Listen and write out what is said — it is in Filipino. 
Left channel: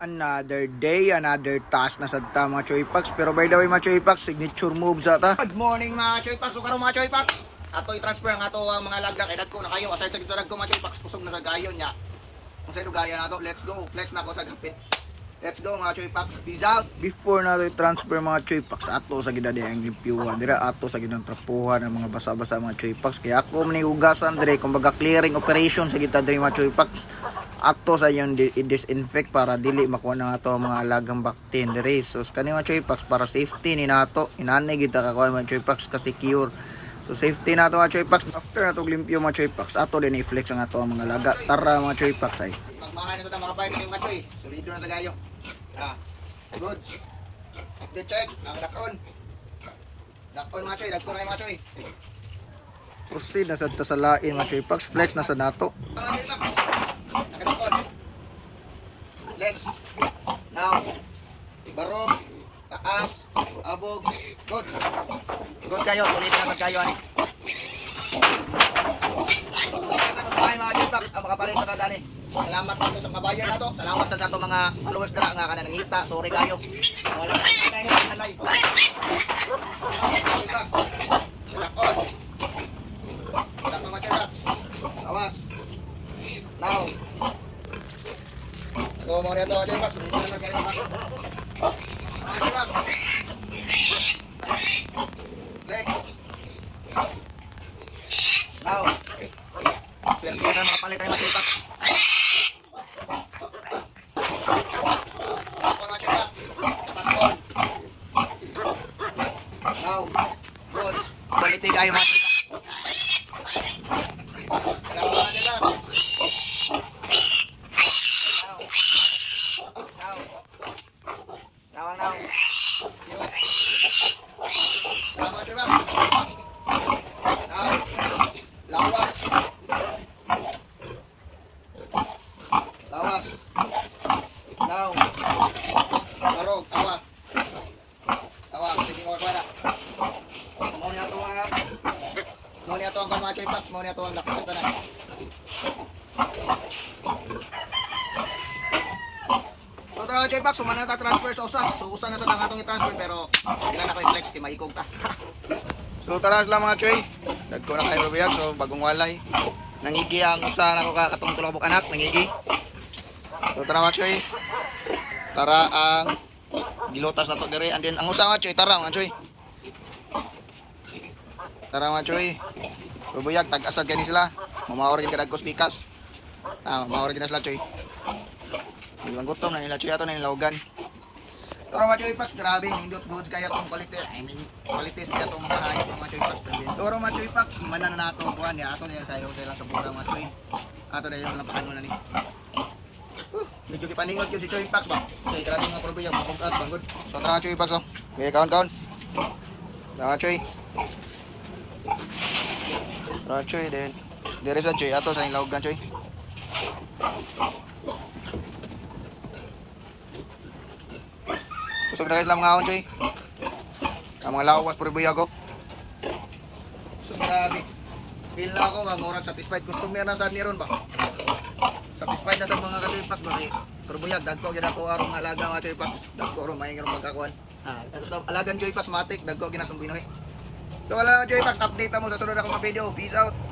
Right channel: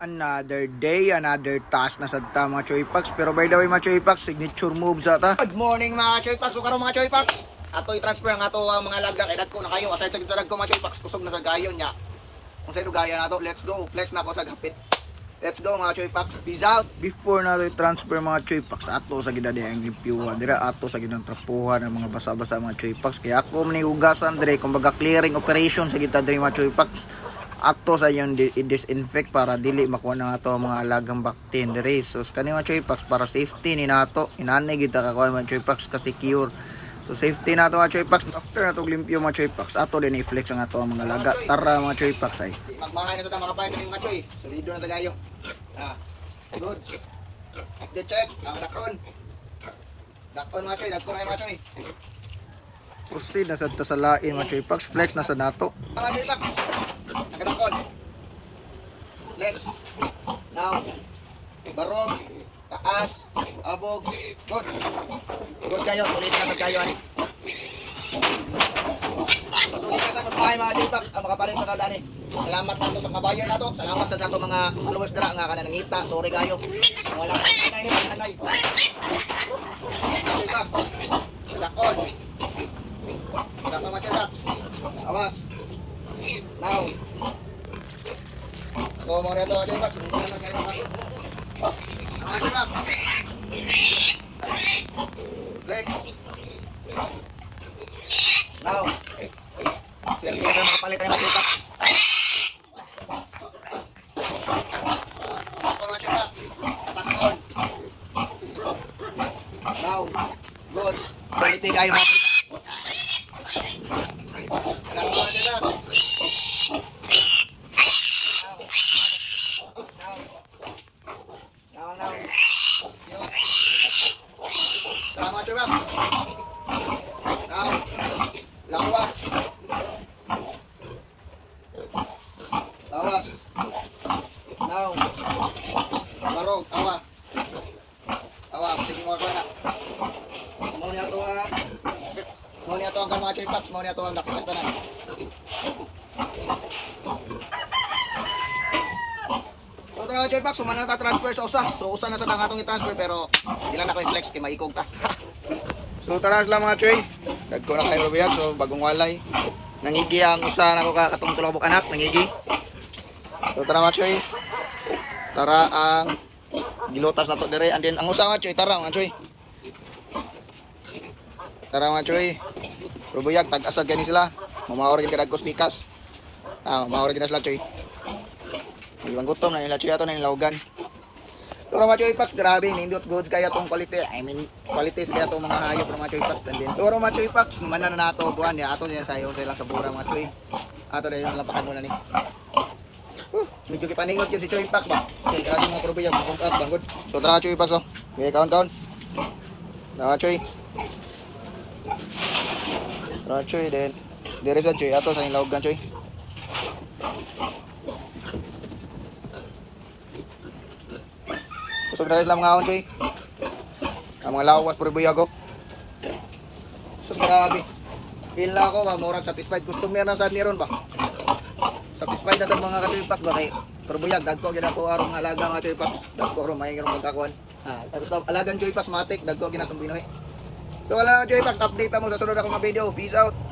Another day, another task na sa ta mga Choy Packs. Pero by the way mga Choy Packs, signature moves ata. Good morning mga Choy Packs. So karon mga Choy Packs. Ato i-transfer ang ato ang mga lagda kay dagko na kayo. Aside sa gid sa dagko mga Choy Packs, kusog na sa gayon nya. Kung sa gaya nato, let's go. Flex na ako sa gapit. Let's go mga Choy Packs. Peace out. Before nato i-transfer mga Choy Packs, ato sa gidadi ang limpyuhan. Dira ato sa gidang trapuhan ang mga basa-basa mga Choy Packs. Kaya ako manihugasan dire kumbaga clearing operation sa gitna dire mga Choy Packs. Ato sa yung di- i-disinfect para dili makuha na ato ang mga alagang bacteria. So kani mga Choy Packs para safety ni nato. Inanay gid ta kakuha mga Choy Packs kasi cure. So safety nato mga Choy Packs. After nato limpyo mga Choy Packs, ato din i-flex ang ato mga laga. Tara mga Choy Packs ay. Magmakain na to na makapayat ni mga Choy. Solido na sa gayo. Ah. Good. Update check. Ang dakon. Dakon mga Choy. Dakon kayo mga Choy. Proceed na sa tasalain mga Choy Packs. Flex na sa nato. Mga Choy Packs. Let's. Now. Barog. Taas. Abog. Good. Good kayo. Sulit na kayo. Ani. Sulit na sa mga J-Pax. Ang makapalit na dani. Salamat dito sa mga buyer na to. Salamat sa sato mga followers dira nga kanang ngita. Sorry kayo. Wala ka nanay ni nanay. J-Pax. Dakon. Dakon mga J-Pax. Awas. Now. So, mga nito, J-Pax. Hindi na lang kayo J-Pax. Flex. Now. Swerte na makapalit tayo J-Pax. Ako mga J-Pax. Atas on. Now. Good. Quality kayo mga J-Pax. Kailangan mga J-Pax. Now. Now. Now, now. Yun. Salamat, J-Pax. Now. Lawas. Lawas. Now. Barog. Awa. Awa. Sige mo ako na. Mo niya to ang Mo niya to ang mga J-Pax. Mo niya to ang nakukas na. So tara J-Pax, sumana na ta transfer sa usa. So usa na sa tang atong i-transfer pero ilan na ko i-flex kay maikog ta. So tara sila mga Choy. Dagko na kayo rubiyag. So bagong walay. Nangigi ang usa na ko katong tulobok anak, nangigi. So tara mga Choy. Tara ang gilutas na to dire and then ang usa nga choy tara mga choy. Tara mga Choy. Rubiyag, tag-asad kani sila. Mamaor gid kadagkos pikas. Ah, mamaor na sila Choy. Iwan gutom na nila Choy ato na nilawagan. Pero mga choy packs grabe nindot goods kaya tong quality. I mean quality kaya tong mga hayop ng mga choy packs din. Pero mga choy packs naman na nato buwan ya ato din sayo sila sa bura mga choy. Ato din yung lampakan mo na ni. Medyo kipaningot yun si Choy Packs ba? Okay, grabe mga probe yung mga banggod. So tara mga Choy Pax oh. Okay, kaon-kaon. Tara mga Choy. Tara mga Choy then. Dire sa Choy ato sa nilawagan Choy. Kusog na sila mga ahon Choy. Ang mga lawas puro buyag oh. So grabe. Feel na ako ba, murag satisfied. Customer na sa niron ba? Satisfied na sa mga katuipas ba kay Turbuyag, dagko gina ko arong alaga mga tuipas. Dagko ro may karong magkakuan. Ah, tapos alagan tuipas matik, dagko gina tong binuhi. So wala na tuipas, update mo sa sunod akong mga video. Peace out.